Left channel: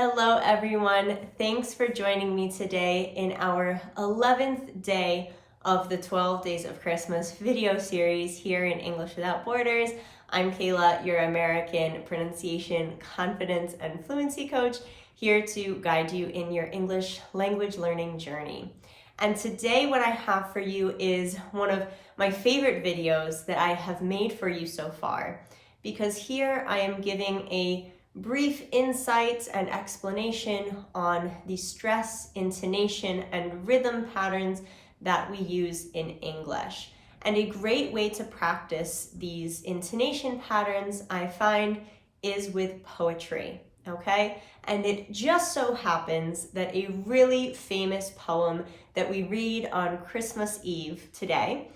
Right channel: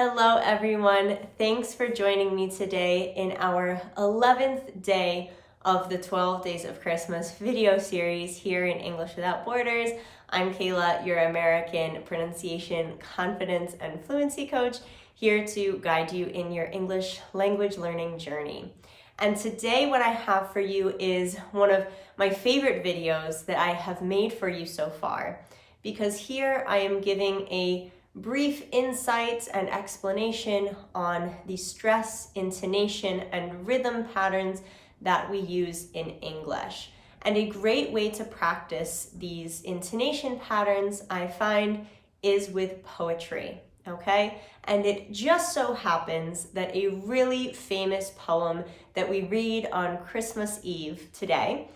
Hello everyone, thanks for joining me today in our 11th day of the 12 Days of Christmas video series here in English Without Borders. I'm Kayla, your American pronunciation, confidence, and fluency coach, here to guide you in your English language learning journey. And today what I have for you is one of my favorite videos that I have made for you so far, because here I am giving a brief insight and explanation on the stress, intonation, and rhythm patterns that we use in English. And a great way to practice these intonation patterns, I find, is with poetry, okay? And it just so happens that a really famous poem that we read on Christmas Eve today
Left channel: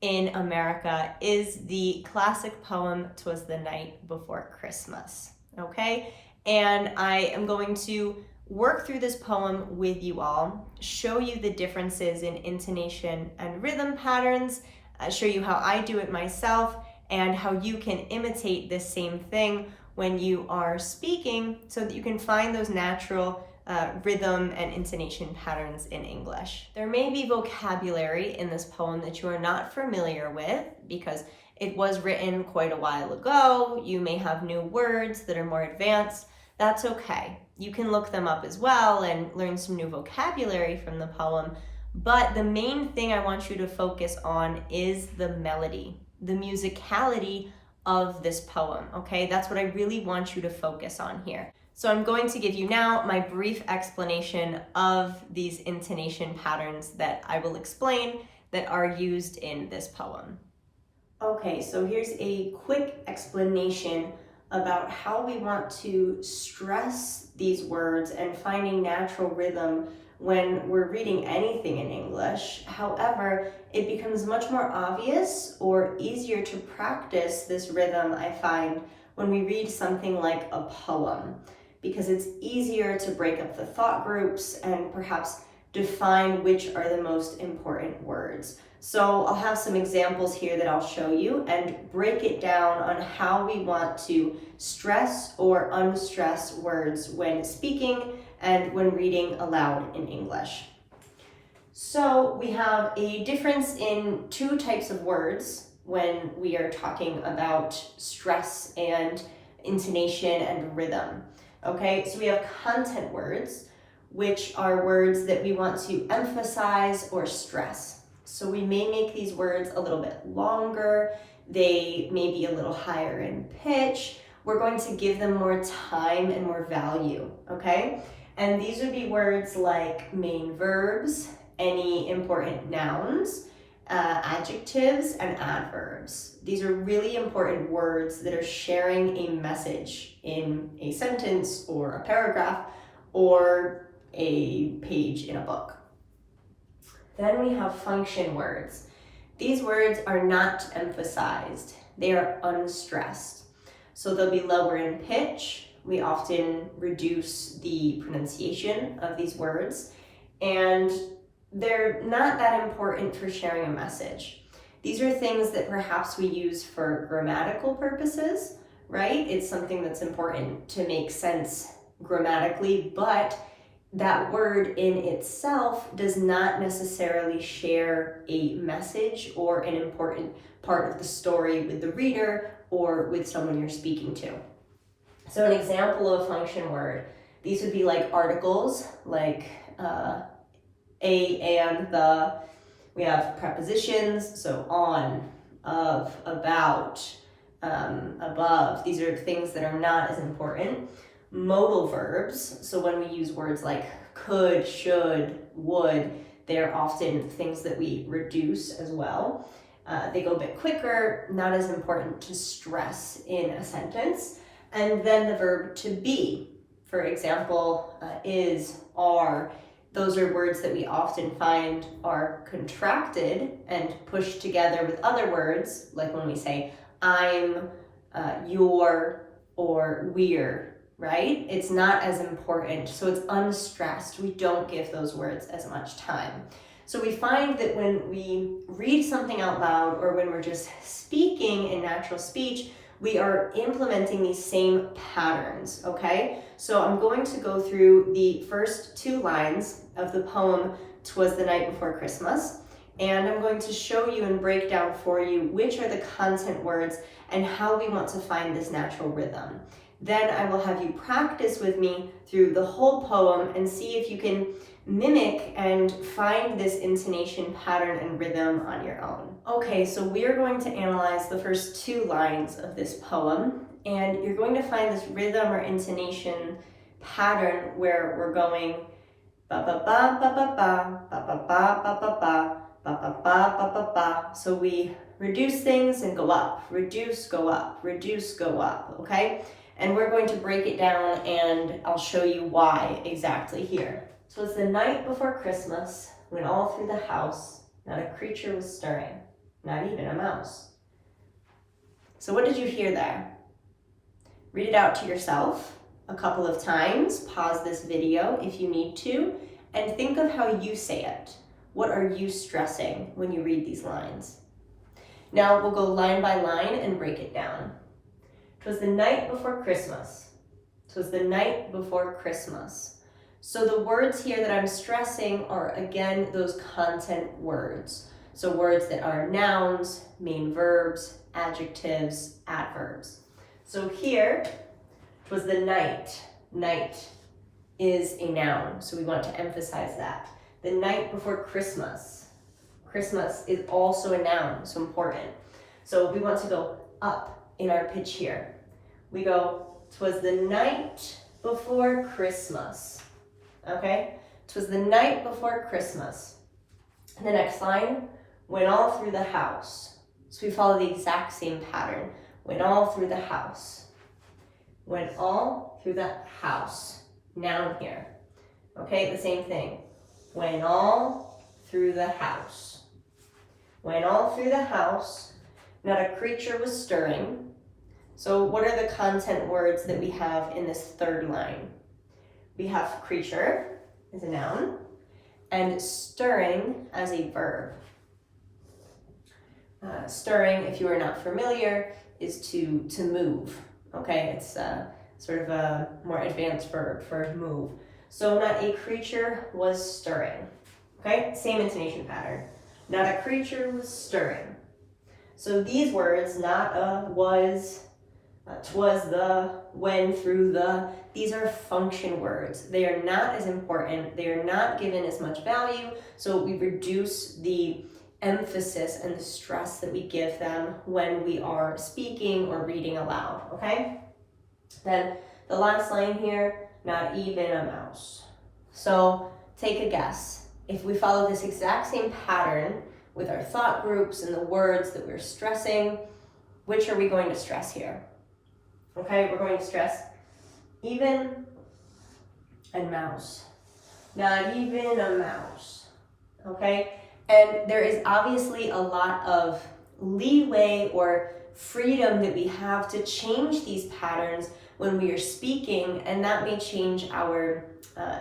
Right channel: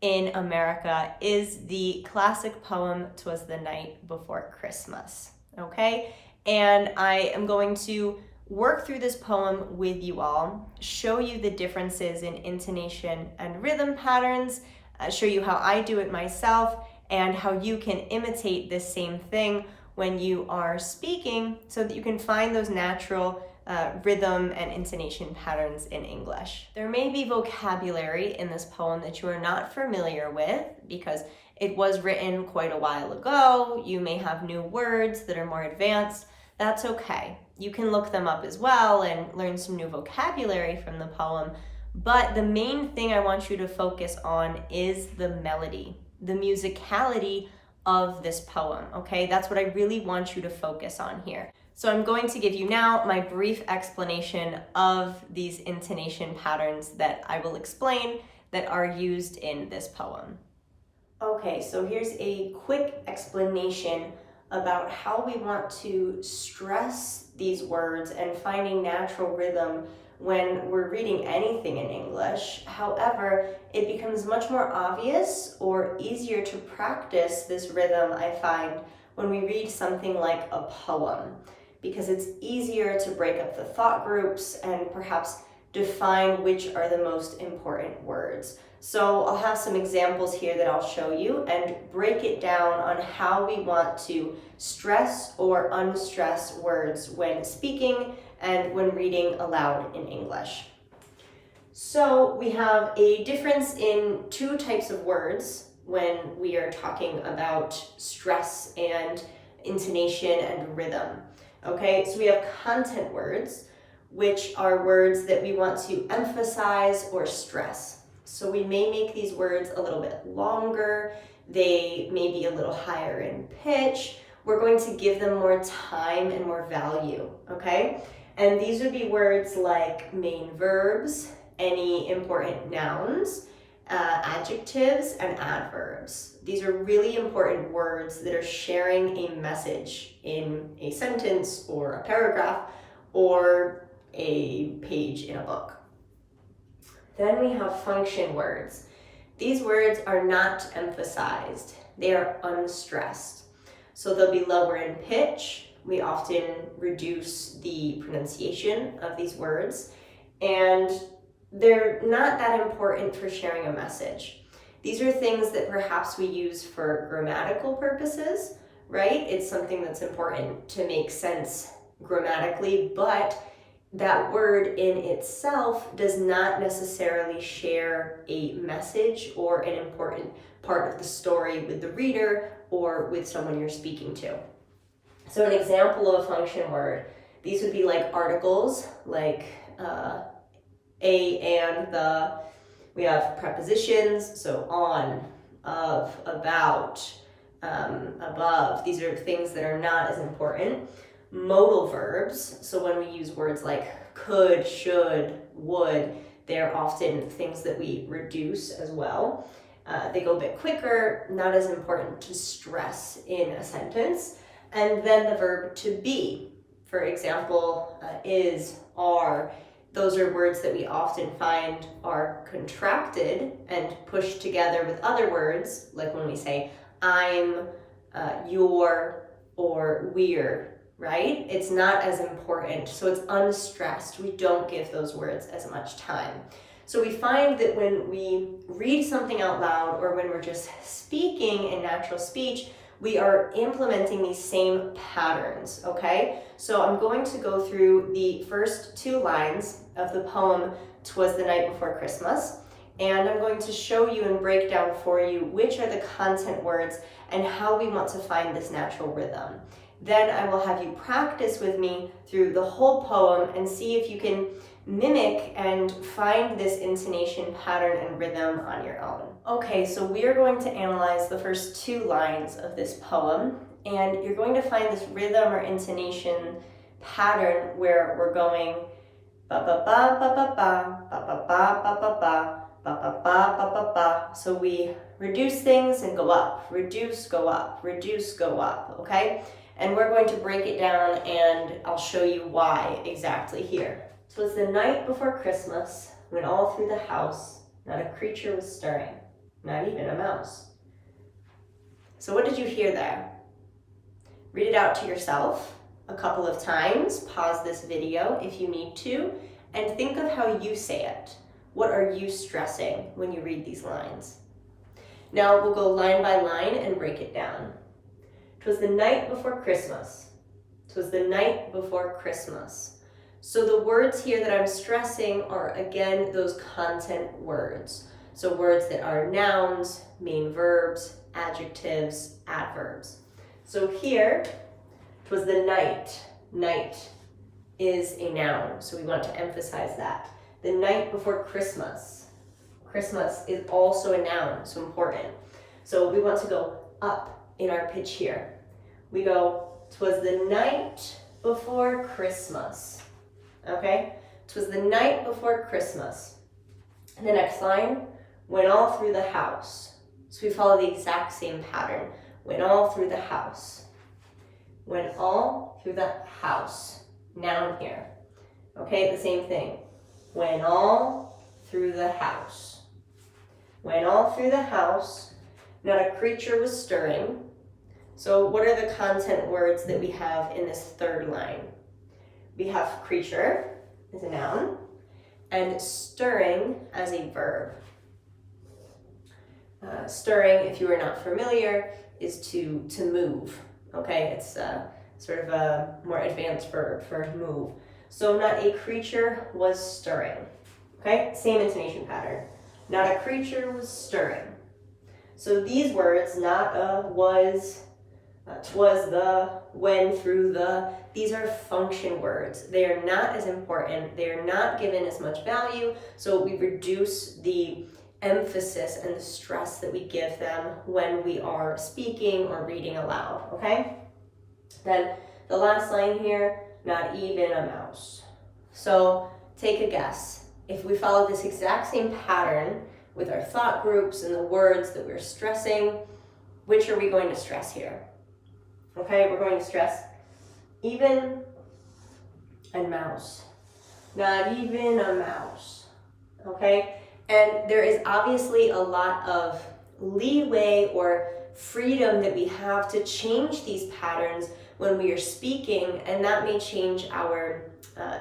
in America is the classic poem, "'Twas the Night Before Christmas." Okay, and I am going to work through this poem with you all, show you the differences in intonation and rhythm patterns, show you how I do it myself, and how you can imitate this same thing when you are speaking so that you can find those natural rhythm and intonation patterns in English. There may be vocabulary in this poem that you are not familiar with because it was written quite a while ago. You may have new words that are more advanced. That's okay. You can look them up as well and learn some new vocabulary from the poem. But the main thing I want you to focus on is the melody, the musicality of this poem, okay? That's what I really want you to focus on here. So I'm going to give you now my brief explanation of these intonation patterns that I will explain that are used in this poem. Okay, so here's a quick explanation about how we want to stress these words and finding natural rhythm when we're reading anything in English. However, it becomes much more obvious or easier to practice this rhythm, I find, when we read something like a poem, because it's easier to break up the thought groups and perhaps define which are the most important words. So I'll have some examples here that I'll show you and break it down on how we want to stress or unstress words when speaking and when reading aloud in English. So we have a difference in two types of words when we are talking about stress and intonation and rhythm. Okay, so we have content words, which are words that we want to emphasize or stress. So we may make these words a little bit longer, they may be a little higher in pitch. We're going to give them more time and more value, okay? And these would be words like main verbs, any important nouns, adjectives, and adverbs. These are really important words that are sharing a message in a sentence or a paragraph or a page in a book. Then we have function words. These words are not emphasized. They are unstressed. So they'll be lower in pitch. We often reduce the pronunciation of these words, and they're not that important for sharing a message. These are things that perhaps we use for grammatical purposes, right? It's something that's important to make sense grammatically, but that word in itself does not necessarily share a message or an important part of the story with the reader or with someone you're speaking to. So an example of a function word, these would be like articles, like a, and, the. We have prepositions, so on, of, about, above. These are things that are not as important. Modal verbs, so when we use words like could, should, would, they're often things that we reduce as well. They go a bit quicker, not as important to stress in a sentence. And then the verb to be, for example, is, are. Those are words that we often find are contracted and pushed together with other words, like when we say I'm, your, or we're, right? It's not as important, so it's unstressed. We don't give those words as much time. So we find that when we read something out loud or when we're just speaking in natural speech, we are implementing these same patterns, okay? So I'm going to go through the first 2 lines of the poem, "'Twas the Night Before Christmas," and I'm going to show you and break down for you which are the content words and how we want to find this natural rhythm. Then I will have you practice with me through the whole poem and see if you can mimic and find this intonation pattern and rhythm on your own. Okay, so we are going to analyze the first 2 lines of this poem, and you're going to find this rhythm or intonation pattern where we're going ba ba ba ba ba ba ba ba ba ba ba ba ba ba ba ba ba. So we reduce things and go up, reduce, go up, reduce, go up, okay? And we're going to break it down and I'll show you why exactly here. So it's the night before Christmas, when all through the house not a creature was stirring, not even a mouse. So what did you hear there? Read it out to yourself a couple of times, pause this video if you need to, and think of how you say it. What are you stressing when you read these lines? Now we'll go line by line and break it down. 'Twas the night before Christmas. 'Twas the night before Christmas. So the words here that I'm stressing are, again, those content words. So words that are nouns, main verbs, adjectives, adverbs. So here, 'twas the night. Night is a noun, so we want to emphasize that. The night before Christmas. Christmas is also a noun, so important. So we want to go up in our pitch here. We go, 'twas the night before Christmas. Okay? 'Twas the night before Christmas. And the next line, went all through the house. So we follow the exact same pattern. Went all through the house. Went all through the house. Noun here. Okay, the same thing. Went all through the house. Went all through the house. Not a creature was stirring. So what are the content words that we have in this 3rd line? We have creature as a noun and stirring as a verb. Stirring, if you are not familiar, is to move. Okay, it's sort of a more advanced verb for move. So not a creature was stirring. Okay, same intonation pattern. Not a creature was stirring. So these words, not a, was, 'twas the, when, through the, these are function words. They are not as important. They are not given as much value. So we reduce the emphasis and the stress that we give them when we are speaking or reading aloud, okay? Then the last line here, not even a mouse. So take a guess. If we follow this exact same pattern with our thought groups and the words that we're stressing, which are we going to stress here? Okay, we're going to stress even and mouse. Not even a mouse, okay? And there is obviously a lot of leeway or freedom that we have to change these patterns when we are speaking, and that may change our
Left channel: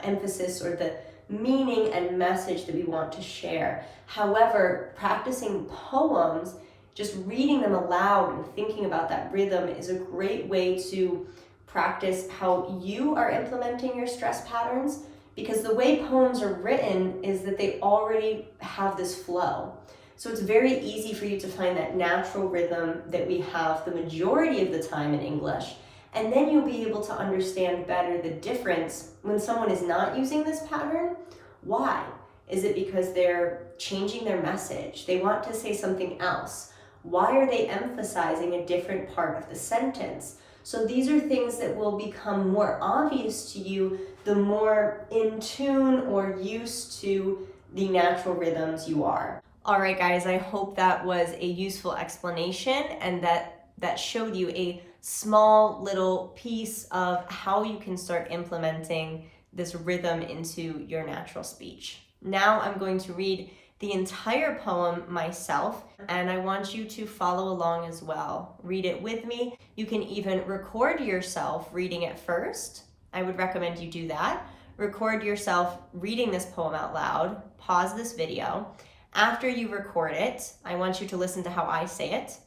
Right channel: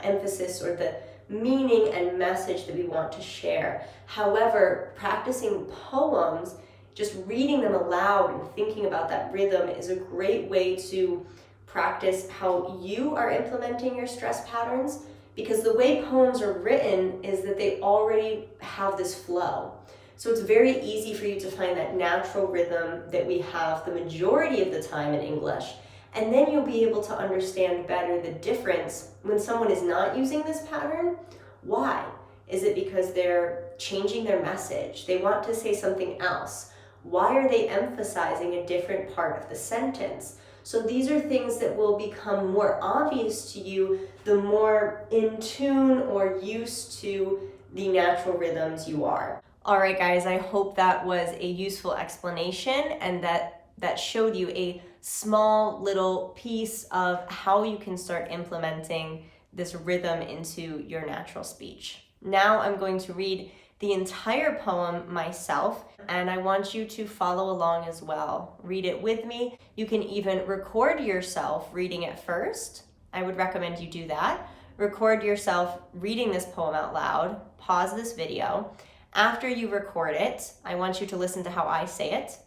emphasis or the meaning and message that we want to share. However, practicing poems, just reading them aloud and thinking about that rhythm is a great way to practice how you are implementing your stress patterns, because the way poems are written is that they already have this flow. So it's very easy for you to find that natural rhythm that we have the majority of the time in English. And then you'll be able to understand better the difference when someone is not using this pattern. Why? Is it because they're changing their message? They want to say something else. Why are they emphasizing a different part of the sentence? So these are things that will become more obvious to you the more in tune or used to the natural rhythms you are. All right, guys, I hope that was a useful explanation and that showed you a small little piece of how you can start implementing this rhythm into your natural speech. Now I'm going to read the entire poem myself, and I want you to follow along as well. Read it with me. You can even record yourself reading it first. I would recommend you do that. Record yourself reading this poem out loud. Pause this video. After you record it, I want you to listen to how I say it.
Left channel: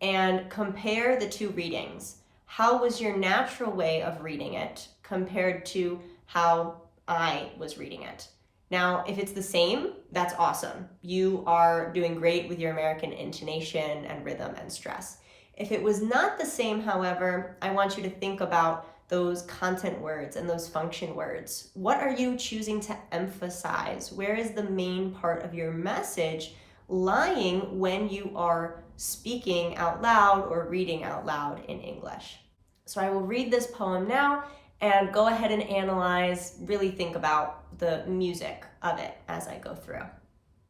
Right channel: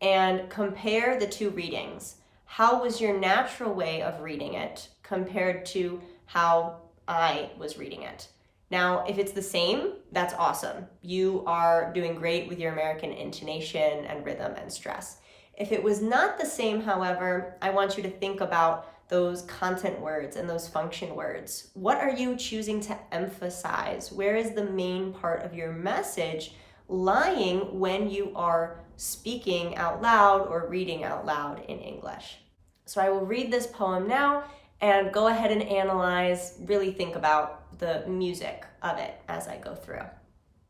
and compare the two readings. How was your natural way of reading it compared to how I was reading it? Now, if it's the same, that's awesome. You are doing great with your American intonation and rhythm and stress. If it was not the same, however, I want you to think about those content words and those function words. What are you choosing to emphasize? Where is the main part of your message lying when you are speaking out loud or reading out loud in English? So I will read this poem now and go ahead and analyze, really think about the music of it as I go through.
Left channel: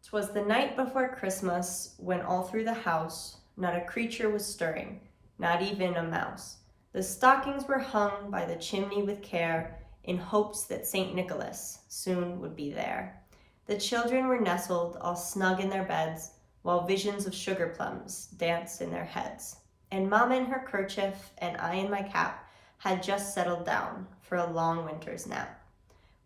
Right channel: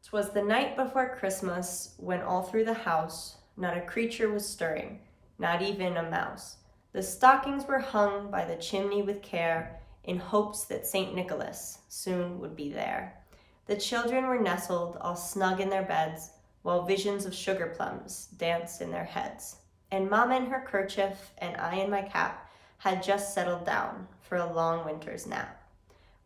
'Twas the night before Christmas, when all through the house not a creature was stirring, not even a mouse. The stockings were hung by the chimney with care, in hopes that St. Nicholas soon would be there. The children were nestled all snug in their beds, while visions of sugar plums danced in their heads. And Mamma in her kerchief and I in my cap had just settled down for a long winter's nap.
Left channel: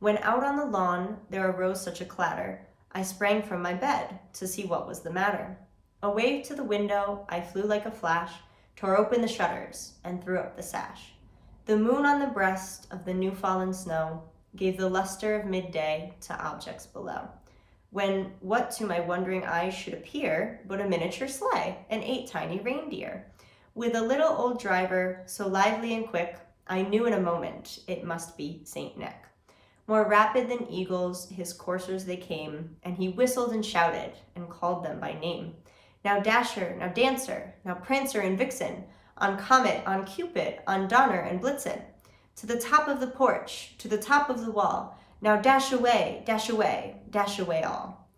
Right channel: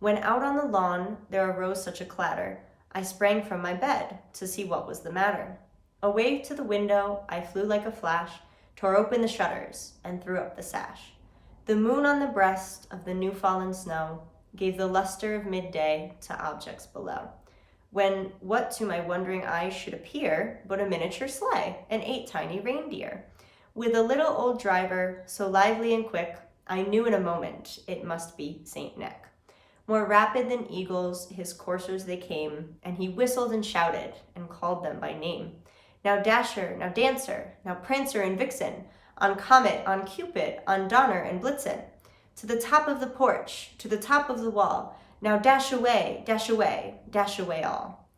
When out on the lawn there arose such a clatter, I sprang from my bed to see what was the matter. Away to the window I flew like a flash, tore open the shutters, and threw up the sash. The moon on the breast of the new-fallen snow gave the luster of midday to objects below, when what to my wondering eyes should appear but a miniature sleigh and 8 tiny reindeer. With a little old driver, so lively and quick, I knew in a moment it must be Saint Nick. More rapid than eagles, his coursers they came, and he whistled and shouted and called them by name. Now Dasher, now Dancer, now Prancer and Vixen, on Comet, on Cupid, on Donner and Blitzen. To the top of the porch, to the top of the wall, now dash away, dash away, dash away all.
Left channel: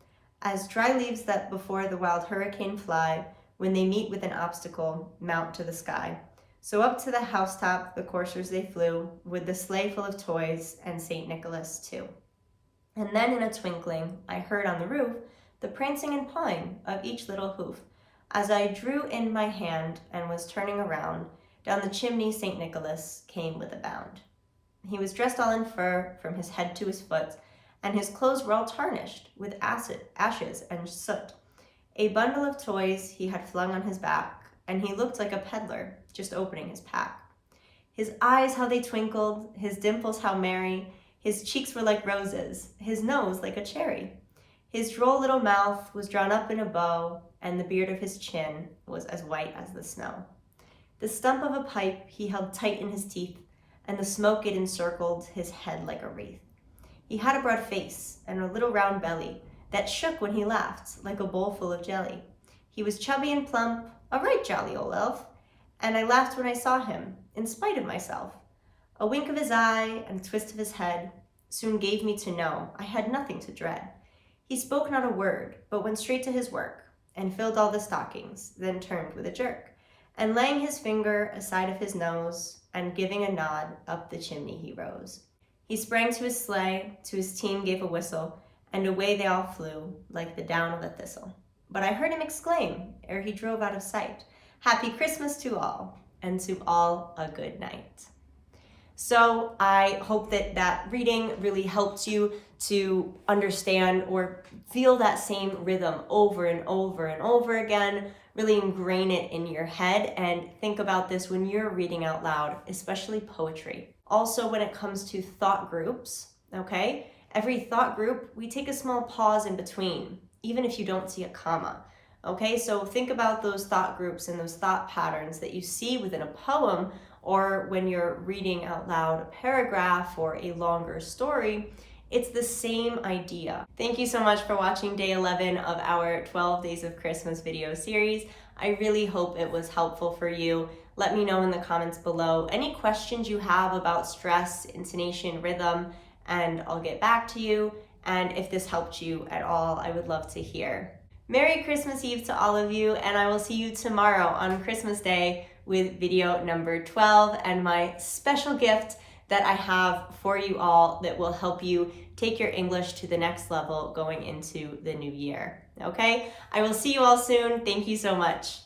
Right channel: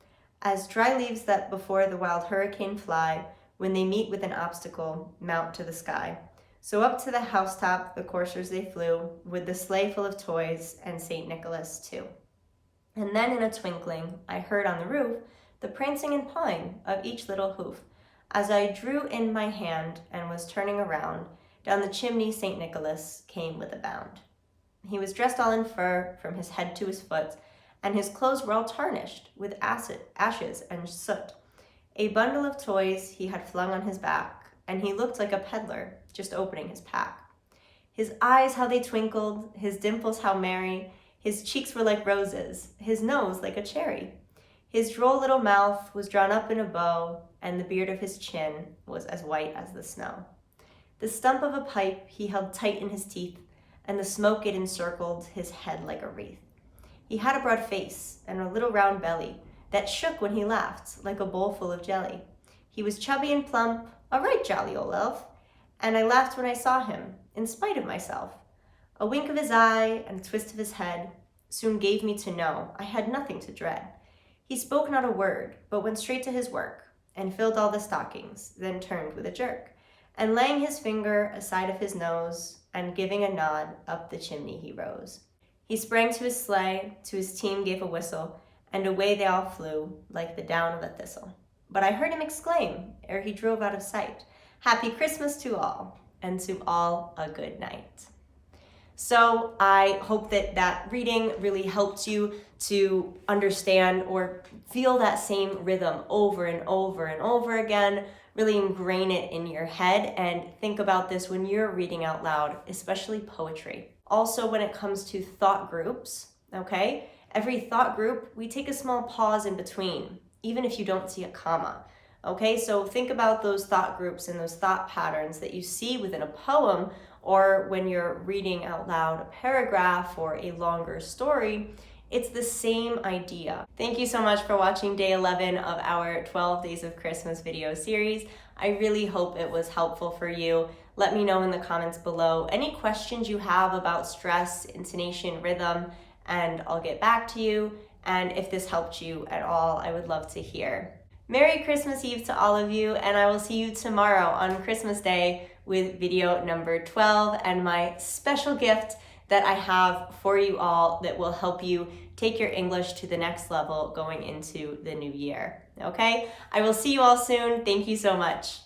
As dry leaves that before the wild hurricane fly, when they meet with an obstacle, mount to the sky. So up to the housetop the coursers they flew, with the sleigh full of toys and St. Nicholas too. And then in a twinkling I heard on the roof the prancing and pawing of each little hoof. As I drew in my hand and was turning around, down the chimney St. Nicholas came with a bound. He was dressed all in fur from his head to his foot, and his clothes were all tarnished with ashes and soot. A bundle of toys he had flung on his back, and he looked like a peddler just opening his pack. His eyes, how they twinkled, his dimples how merry, his cheeks were like roses, his nose like a cherry. His droll little mouth was drawn up in a bow, and the beard of his chin was as white as the snow. The stump of a pipe he held tight in his teeth, and the smoke it encircled his head like a wreath. He had a broad face and a little round belly that shook when he laughed like a bowl full of jelly. He was chubby and plump, a right jolly old elf, and I laughed when I saw him, in spite of myself. A wink of his eye and a twist of his head soon gave me to know I had nothing to dread. He spoke not a word, but went straight to his work, and filled all the stockings, then turned with a jerk, and laying his finger aside of his nose, and giving a nod, up the chimney he rose. He sprang to his sleigh, to his team gave a whistle, and away they all flew, like the down of a thistle. But I heard him exclaim, ere he drove out of sight, "Happy Christmas to all, and to all a good night." So I hope that that reading really helped you to understand or feel that same rhythm over and over and over again, really ingrain it in your head and think about this when you're reading out loud, especially poetry. Also, when it comes to thought groups, okay, every thought group, we take a small pause in between, even if you don't see a comma. Okay, so think about those thought groups and those thought patterns that you see within a poem or when you're reading out loud a paragraph or a longer story. It's the same idea. Thank you so much for watching day 11 of our 12 Days of Christmas video series. I really hope it was helpful for you. Let me know in the comments below any questions you have about stress, intonation, rhythm, and I'll get back to you. And if this helped you at all, I would love to hear. Merry Christmas Eve to all of you, and I will see you tomorrow on Christmas Day with video number 12 and my special gift that I have for you all that will help you take your English to the next level going into the new year. Okay? I will see you all soon. Thank you so much.